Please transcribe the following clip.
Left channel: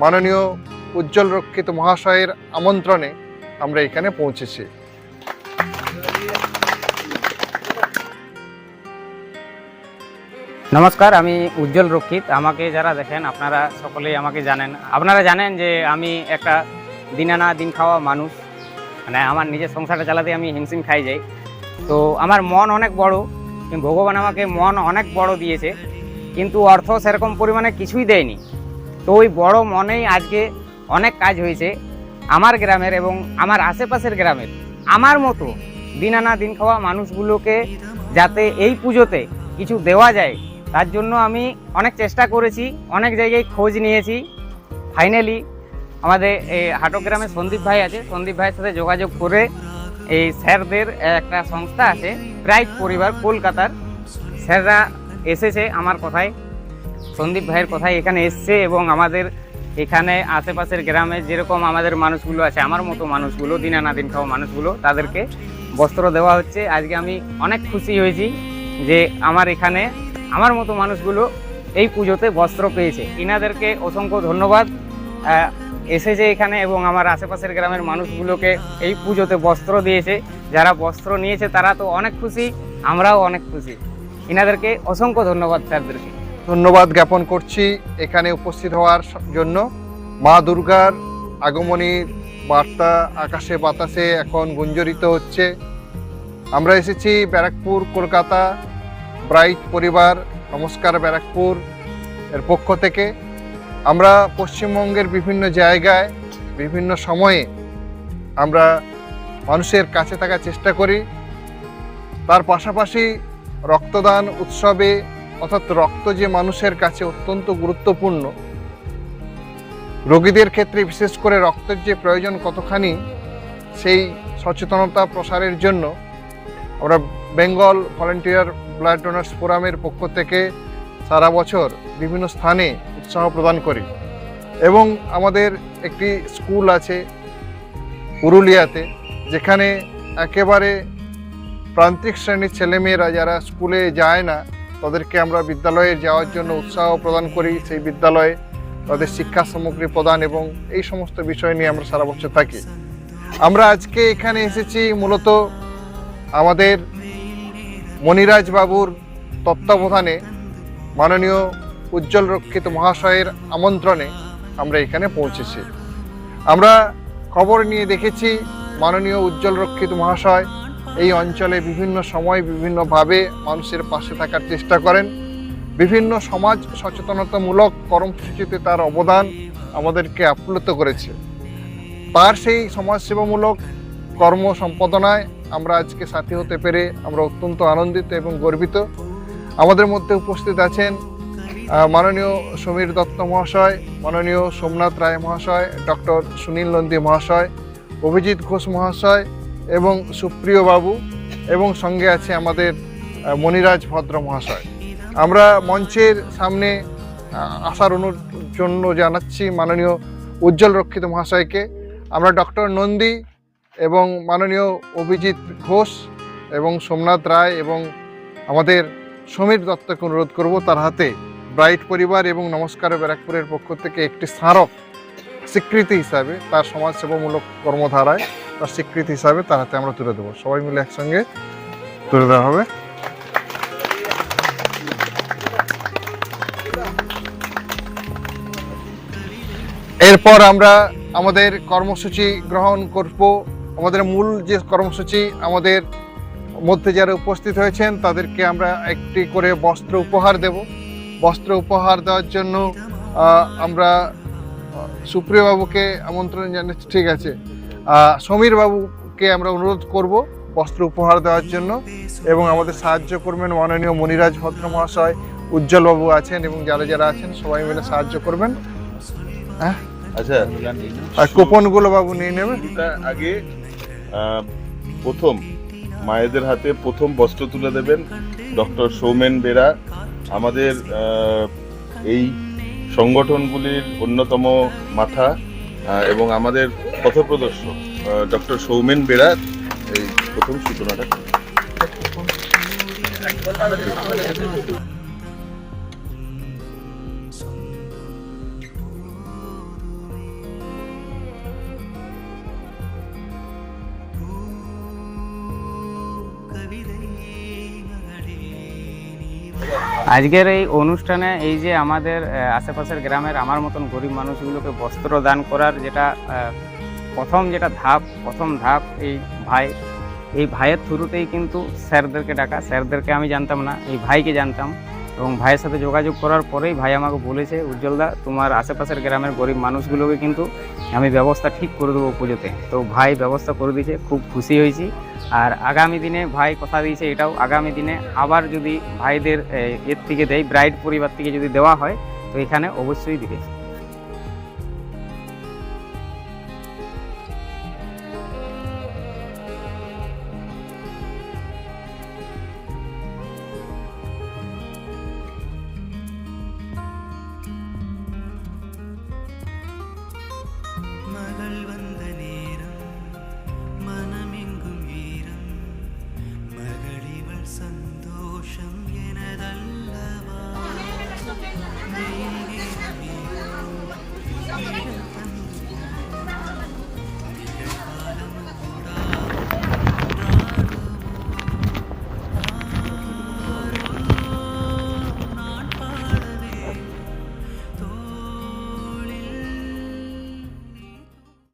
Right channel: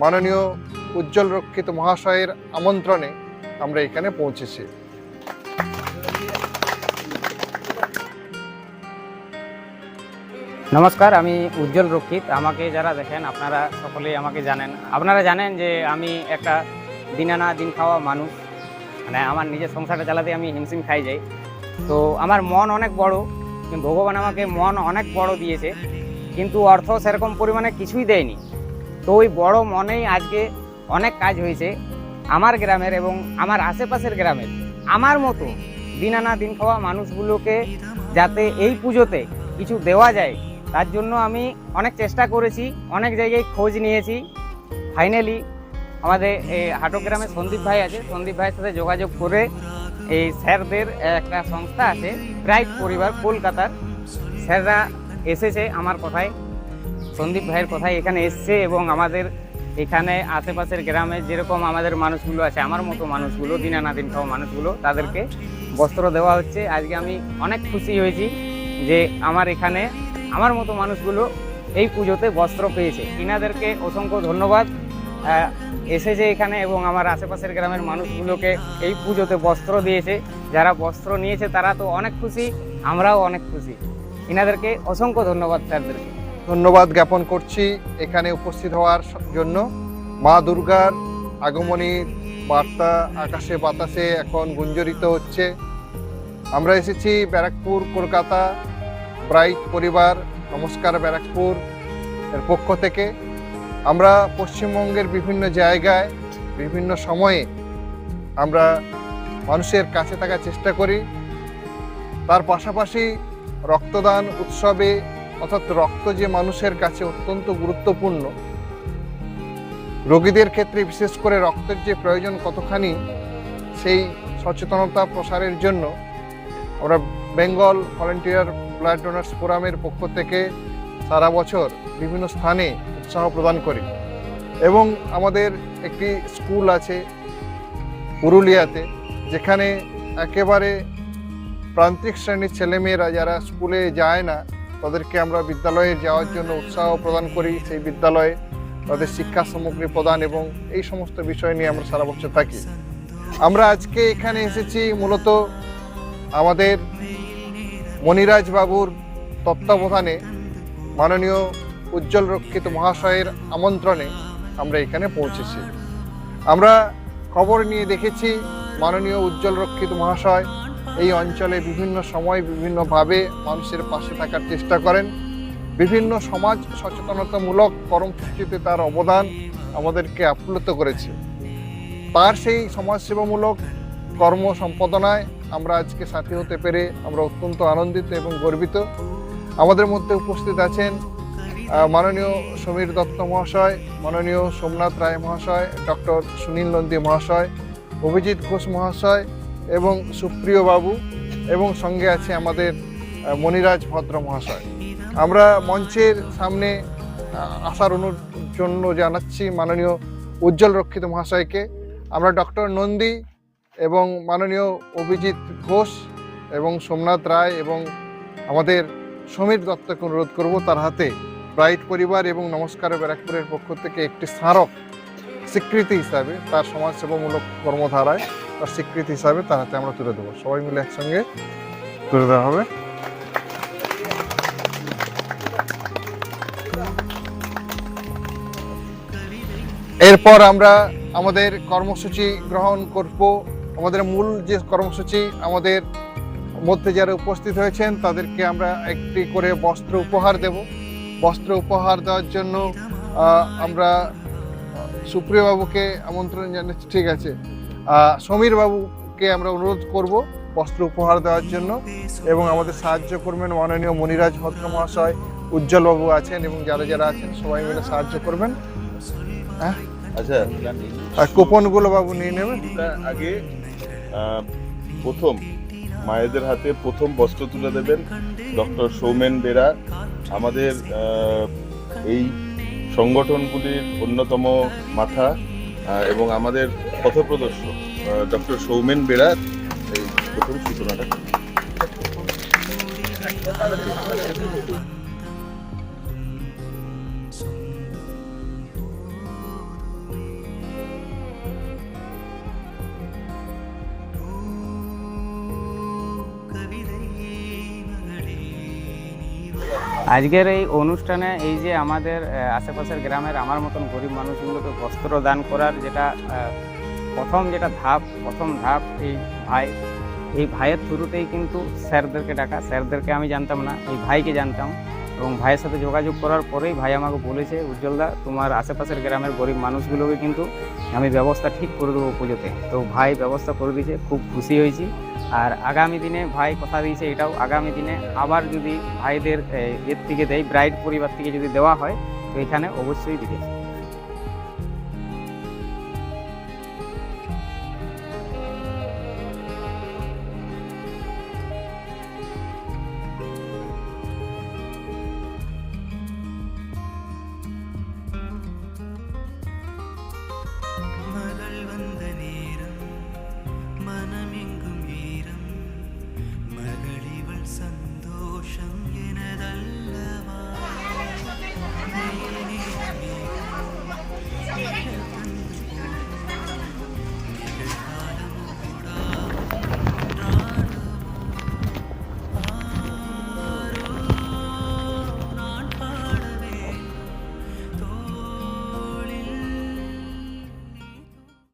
মাননীয় উজ্জ্বল রক্ষিত মহাশয়ের আমন্ত্রণে আমরা এখানে পৌঁছেছি। নমস্কার, আমি উজ্জ্বল রক্ষিত। আমাকে যারা দেখেন, আপনারা সকলেই আমাকে জানেন। আপনারা জানেন যে আমি একটা দিন আনা দিন খাওয়া মানুষ। মানে আমার নিজের সংসারটা চালাতে আমি হিমশিম খাই যাই তো আমার মন অনেক বড় ভগবান আমাকে মন অনেক বড় দিয়েছে। কিন্তু অর্থ সেরকম পরিমাণে কিছুই দেয়নি। তো ওই বড় মনেই আজকে অনেক কাজ হয়েছে আমার গ্রামের এবং আমার আশেপাশের গ্রামের। আমার মতো দিন আনা দিন খাওয়া মানুষগুলোকে যাতে এই পুজোতে কিছু দেওয়া যায়, তার জন্য আমি অনেক চেষ্টা করেছি, অনেক জায়গায় খোঁজ নিয়েছি। ফাইনালি আমাদের এই হাটক গ্রামে সন্দীপ ভাই আছে। সন্দীপ ভাইয়ের সাথে যোগাযোগ করে এই স্যারদের একটা সংস্থা আছে ব্রাইট পরিবার, কলকাতার। স্যাররা এসেছে আমার কথায়। সন্দীপ ভাইয়ের কথায় এখানে এসছে এবং আমাদের এখানে আশেপাশের গ্রামে যেরকম আমাদের মানুষগুলো আছে, আমার মতো মানুষগুলো দিনা দিন খাওয়া মানুষগুলো, তাদেরকে বস্ত্র দেওয়া হচ্ছে। আজকে আমি অনেক খুশি হয়েছি যে আমার এখানে আমার মতো মানুষগুলো এই পুজোতে বস্ত্র পেয়েছে। ইনাদেরকে অসংখ্য ধন্যবাদ। এসেছে এখানে এবং আমার আশেপাশের গ্রামের মানুষগুলোকে এই পুজোতে বস্ত্র দিয়েছে। যারা বস্ত্র নিয়েছে তারা তো অনেক খুশি, আমরাও অনেক খুশি। ইনাদেরকে অসংখ্য ধন্যবাদ স্যারদেরকে ধন্যবাদ জ্ঞাপন করছি এখানে উপস্থিত হওয়ার জন্য। মা দুর্গার আগমনীর বার্তা আকাশে বাতাসে এখন গুঞ্জরিত হচ্ছে। আমরা এসেছি ব্যারাকপুর, কলকাতা, ব্রাইট পরিবার, নমস্কার ব্যারাকপুর এর পক্ষ থেকে। আমরা পশ্চিমবঙ্গের বিভিন্ন জায়গায়, বিভিন্ন সময়ে আমরা মানুষের কাছে থাকার চেষ্টা করি। তার পাশাপাশি রক্তদান উৎসবে অর্থাৎ রক্ত যে মানুষের কাছে অত্যন্ত গুরুত্বপূর্ণ, রোগীদের ক্ষেত্রে বিশেষ করে রক্তের যে প্রয়োজন কতখানি, সেই সচেতনতা প্রসারের জন্য আমরা বেঙ্গল ভলেন্টিয়ার ব্লাড ডোনার্স ফোরামের পক্ষ থেকে সারা বছর বিভিন্ন স্থানে উৎসাহ প্রদান করি। এবং আমাদের একটি স্কুল আছে পুরুলিয়াতে, যেখানে একেবারে প্রান্তিক শ্রেণির ছেলেমেয়েরা যারা স্কুলে যায় না তাদেরকে আমরা বিদ্যালয়ে যাওয়ার জন্য উৎসাহ প্রদান করি, সেই বিদ্যালয়ে তাদের শিক্ষা সামগ্রী প্রদান এবং এই সমস্ত বিষয় নিয়ে আমরা সারা বছর থাকি। আমরা আজকে এখানে এসেছি মূলত আমাদের মনিরাজ বাবুর তত্ত্বাবধানে মাননীয় উজ্জ্বল রক্ষিত মহাশয়ের আমন্ত্রণে আমরা এখানে পৌঁছেছি। আমরা খবর নিয়ে দেখেছি মাননীয় উজ্জ্বল রক্ষিত মহাশয় এই অঞ্চলে বিভিন্ন সময় বিভিন্নভাবে মানুষের পাশে থাকার চেষ্টা করেন। বিভিন্ন সমাজ সচেতনতামূলক কর্মসূচিতে তার অবদান আমাদেরকে আপ্লুত করেছে। তার সেই সমাজসেবামূলক কর্ম সম্পাদনায় আমরা আজকে সাথী হতে পেরে আমরা অত্যন্ত আনন্দিত এবং গর্বিত। আমাদের মধ্যে উপস্থিত আছেন মাননীয় সমীর দত্ত মহাশয়, মাননীয় সোমনাথ রায় মহাশয়, ডক্টর সুনীল নন্দী মহাশয়, অভিজিৎ ঘোষ মহাশয় এবং সুপ্রিয় বাবু এবং সঙ্গে আছে আমাদের আহ, মনিরাজ ভদ্র মহাশয়। আমরা মঞ্চের সামনে আসার অনুর জন্য জানাচ্ছি মাননীয় উজ্জ্বল রক্ষিত মহাশয়কে। আমরা ডক্টর নন্দী এবং মাননীয় অভিজিৎ ঘোষ এবং সোমনাথ রায় এবং আমাদের সমীর দত্তকে অনুরোধ করব তার হাতে ব্রাইট পরিবার এবং নমস্কার ব্যারাকপুরের পক্ষ থেকে একটি স্মারক স্বীকৃতি হিসাবে তার সমাজসেবামূলক কর্মধারায় তার স্বীকৃতি হিসাবে তার হাতে আমরা তুলে দেবো। সবাই মিলে একসঙ্গে তুলে দেওয়া হবে। এরপর আমরা আমাদের কর্মসূচি গ্রহণ করব। আমাদের মূল যে কর্মসূচি আমাদের মধ্যে যারা উপস্থিত হয়েছেন, তাদেরকে আমরা একটি করে বস্ত্র উপহার দেব। বস্ত্র উপহার দেওয়ার জন্য আমরা সুপ্রিয়বাবুকে আমন্ত্রণ জানাচ্ছি। ঠিক আছে। আহ, সমীর বাবুকে আমরা অনুরোধ করব বস্ত্র উপহার দেওয়ার জন্য এবং আমাদের সাহায্য করবেন। মাননীয় মনিরাজ ভদ্র মহাশয় উজ্জ্বল বাবু আছেন এবং যারা যারা আছেন সবাই মিলে সাহায্য করবেন। হ্যাঁ? আচ্ছা। আর কুপনগুলো বাবু নিয়ে নেবেন। আগে প্রথম মায়েদের হাতে প্রথম বস্ত্র তুলে দেবেন ডক্টর সৌমেন বেরা। আমাদের এই সংগঠনগুলির অন্যতম মাথা। এবং আমাদের পথ প্রদর্শক ডক্টর সৌমেন বেড়ার এই প্রথম সূচনাটা কবি আজকের এই অনুষ্ঠানে এই যে আমাদের আশেপাশের গ্রামের আমার মতন গরিব মানুষগুলোকে বস্ত্র দান করার যেটা প্রথম যেটা ধাপ, প্রথম ধাপ এই ভাই, এই ভাইয়ের থ্রুতেই কিন্তু স্যারদেরকে ডাকা। স্যারদেরকে আমি জানতাম না, এই ভাইকে জানতাম। এবং ভাইয়ের সাথে যোগাযোগ করার পরেই ভাই আমাকে বলেছে, উজ্জ্বলদা, তোমার আশেপাশের গ্রামের গরিব মানুষগুলোকে কিন্তু আমি ব্যবস্থা ঠিক করে দেবো পুজোতে। তো ভাই ব্যবস্থা করে দিয়েছে, খুব খুশি হয়েছি। আর আগামী দিনে ভাই কথা দিয়েছে এটাও, আগামী দিনে আবার যদি ভাইদের এর থেকে দেয়, ব্রাইড পরিবার থেকে যদি দেওয়া হয়, তো এখানে অবশ্যই দিতে மகள் வந்த நேரம் மனமெங்கும் ஈரம் மகளிவள் சந்தோஷம்.